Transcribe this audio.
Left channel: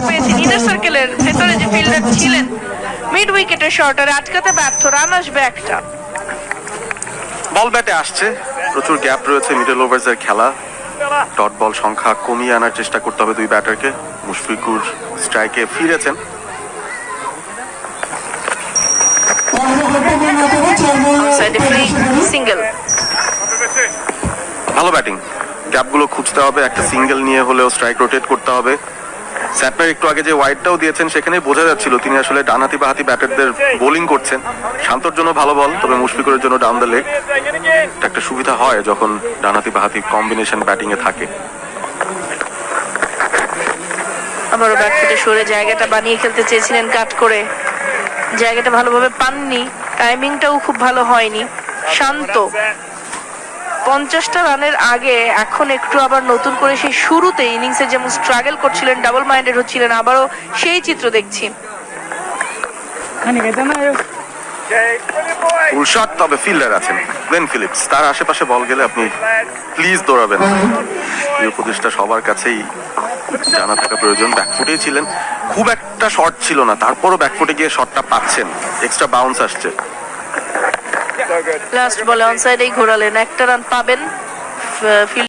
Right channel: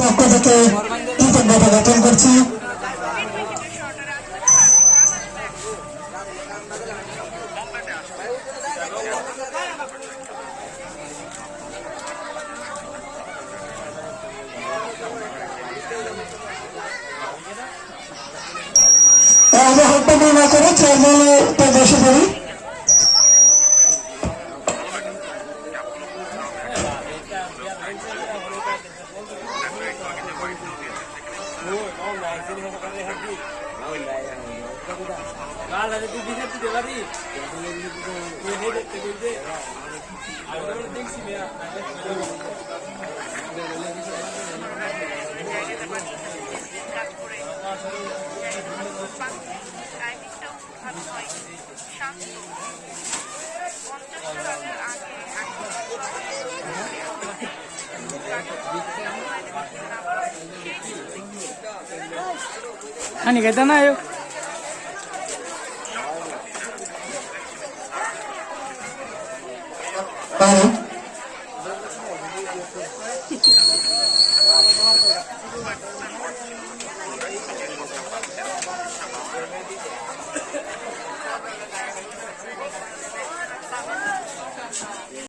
দেখতে পেয়েছি ইনার সার্কেলের ভেতরে যে ফিল্ডার ছিলেন মিড উইকেটের শর্টারে আটকাতে ব্যর্থ, রান আসবে একটা। বল ব্যাটে আসছে, প্রচুর গ্যাপ রয়েছে মিডল ওভার্সের খেলা। ডট বল সংখ্যা কমিয়ে আনার চেষ্টা করতে হবে দুই ব্যাটারকে। মুশফিকুর স্ট্রাইকে ফিরেছেন। সিঙ্গেল, ভালো ব্যাটিং। গ্যাপগুলো খুঁজতে হবে, একটা সিঙ্গেল নিয়ে হলেও স্ট্রাইক রোটেট করতে হবে। স্যাটনার একটু আগে যে ওয়াইডটাও দিয়েছেন সেখানে বোঝা যাচ্ছিল তিনি আসলে ডানহাতি বাহাতি ব্যাটারদের বোলিং করছেন। শান্তর জন্য ভালো বল, তবে মুশফিকুরের জন্য ডাউন দ্য লেগ। এটা একটা সুবিধা হয় যখন ডানহাতি বাহাতি কম্বিনেশন ব্যাটিং এ থাকে। আবারও ব্যাট থেকে সরে জায়গাটা বানিয়ে খেলতে চেয়েছিলেন কাট করে, জায়গাটা ভালোভাবে পাননি, টাইমিংটাও খুব ভালো হয়নি। শান্ত 50টা রানের আগে এখন একটু আবার নতুন করে সেই শুরুতে ইনিংসে যেমন স্ট্রাগল করছিলেন, ডাবল মাইন্ডেড হচ্ছিলেন, আবারও সেই চিত্র দেখছি। ফুল শট, তবে ফিল্ডার আছেন গ্লেন ফিলিপস, তার আশেপাশে বল গেলে আপনি প্লিজ দৌড়াবেন। এই উপদেশটা সবার কাছেই জানা থাকা প্রয়োজন। ব্যাকফুটেই ছিলেন, খুব একটা শর্ট ছিল না, তারপরও ব্যাকফুটে গিয়ে শটটা পাচ্ছেন, এক্সট্রা বাউন্স আসছে। লাস্ট বলে অনসাইডেই ঘোরালেন, একটা রান পাবেন।